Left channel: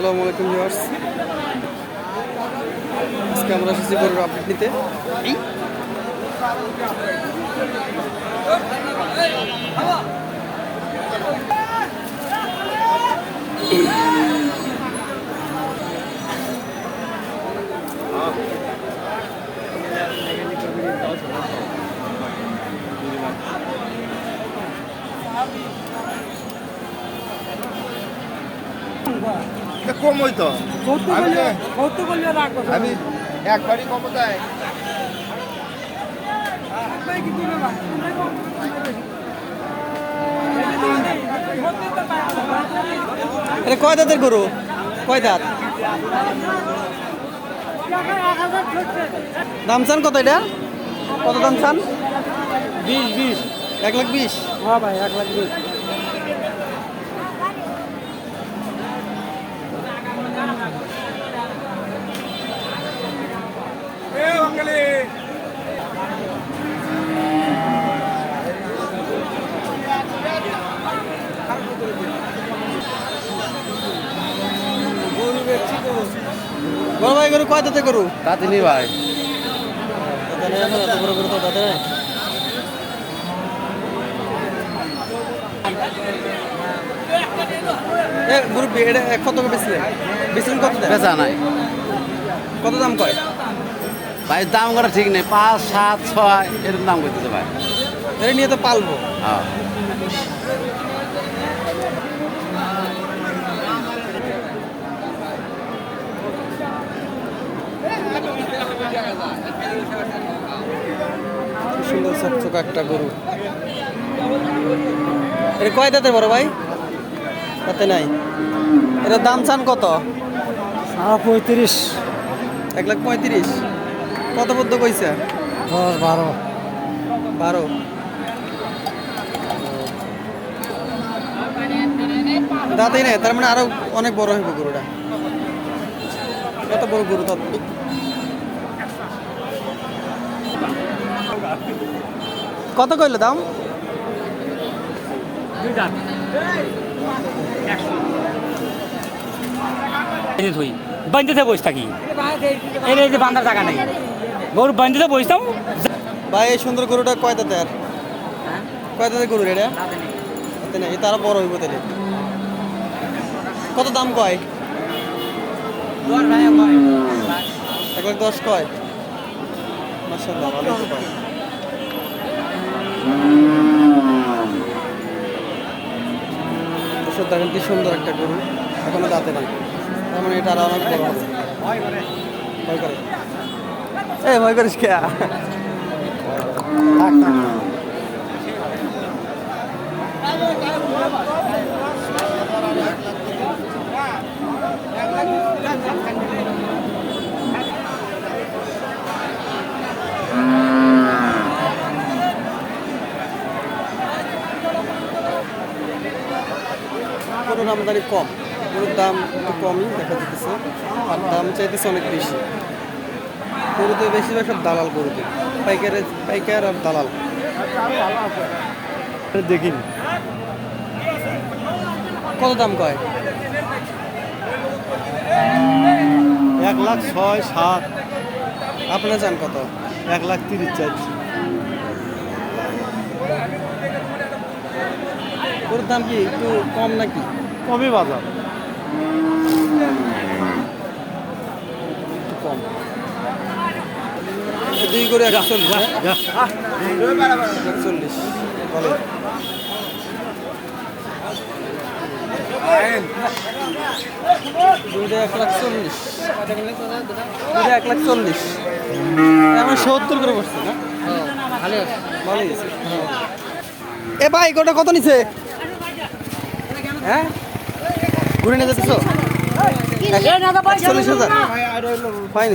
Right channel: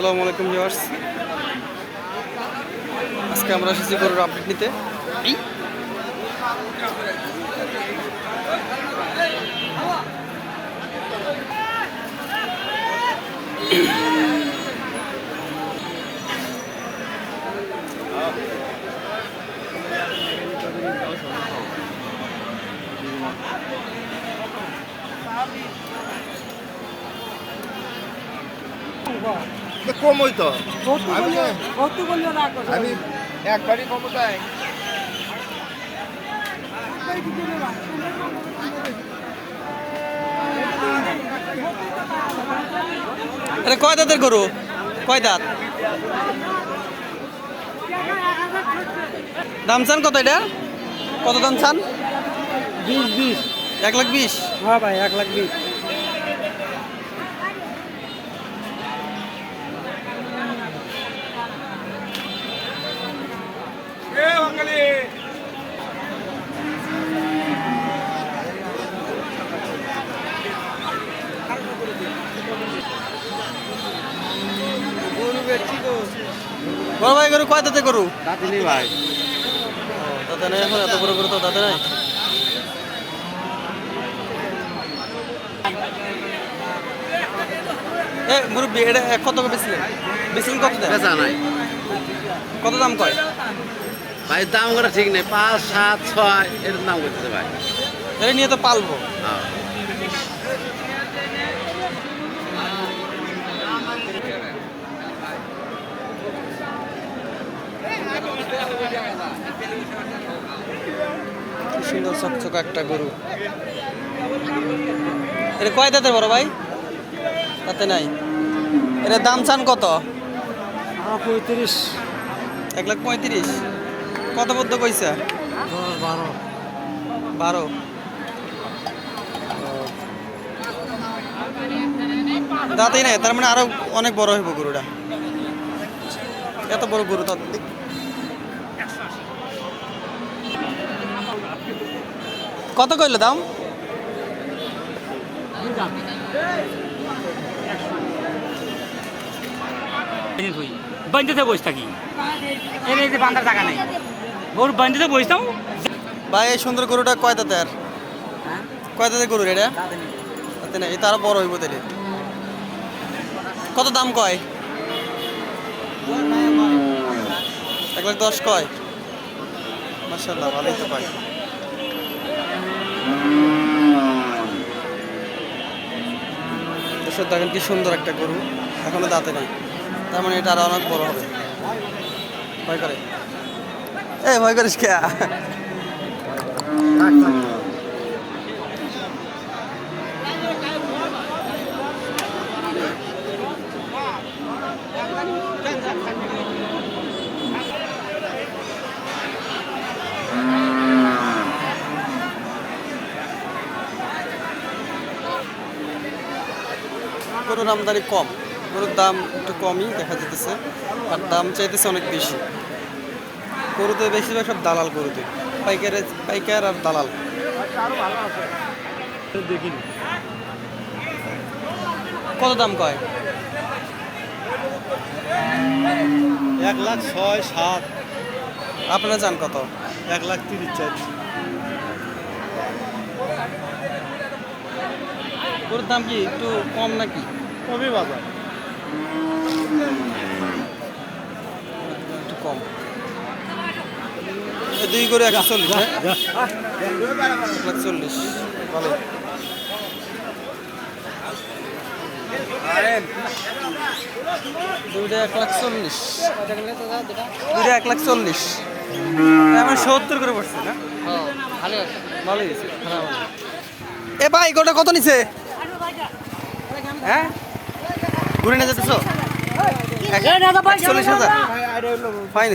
আসসালামু আলাইকুম ভিউয়ার্স, আজকে আমরা এসেছি গরুর আপডেট নিতে। কম হইতো আমি একবারই কম দেয়। আরে কয় দাঁতের গরু? কয় দাঁত? দাম চান কত? এটা কত দাম চান? 20 1,20,000। হ্যাঁ ভাই 1,20,000। বড় ভাই গরু কয় দাঁতে গরু? তাতে নি ভাই দাঁতে নাই এখন, এত বড় গরু তো দাঁতে নাই। এ মুরব্বি, এটা কত করে বেচলেন? বেচলেন কত? বেচা নাই কত দাম কয়? ভাই, দাম করা ঠিক নেই। 5, 7, 6 এরকম দাম করতেছে ভাই। এটা নিয়ে তো পালবো। হ্যাঁ কি সুন্দর চকচকা একটা গরু। এটা কয় দাঁতের বড় ভাই? তাতে নাই। এটা দাম চান কত? 35, 1,35,000। কত পদ্য কইছে? 10, 12। 12। দাঁতেই নাই, তার মানে আরো অনেক বড় হইব গরুটা। এত বড় গরু তো। কত কইলো দাম? বান্ধতে বসে থাকি, এর এই যে বান্ধার জায়গা নেই, গরু বান্ধতে বসতাম। ভাই এই সুন্দর গরুটা কয় দাঁতের? কয় দাঁতের গরু এটা? তাতে নাই, এটা আরো বড় হইব তাহলে। কত দাম কয়? 1,10,000 কয়। মাশাআল্লাহ, ভালোই তো কয়। দর্শক দেখেন কি সুন্দর একটা গরু, এখনো দাঁতে নাই, তার মানে এটা আরো অনেক বড় হবে। ভয় করে? এই ভয় করিস কে? গরুর আমদানি কম, গরুর দাম একটু কমই দেখা যেতেছে, আর দাম চাইতেছে অনেক বেশি। গরুতে বেশিরভাগ সব দালাল, গরুতে পাইকার আর দালাল। দেখিনি কত দাম কয়? 1,06,000, 7, আপনারা চান কত? 1,30,000 গরুর দাম কি একটু কম নাকি? কমই বাজার। একটু কম। দুই করে 140। 140 ভালো। দুইটা 140, দুইটা 140, এখন 70 করে পড়ছে না? ভালোই আছে, খারাপ না। এ ভাই গোটা কত নিছে? হ্যাঁ ঘুরে নিয়ে যেতেছ? 41,000 ফাইন।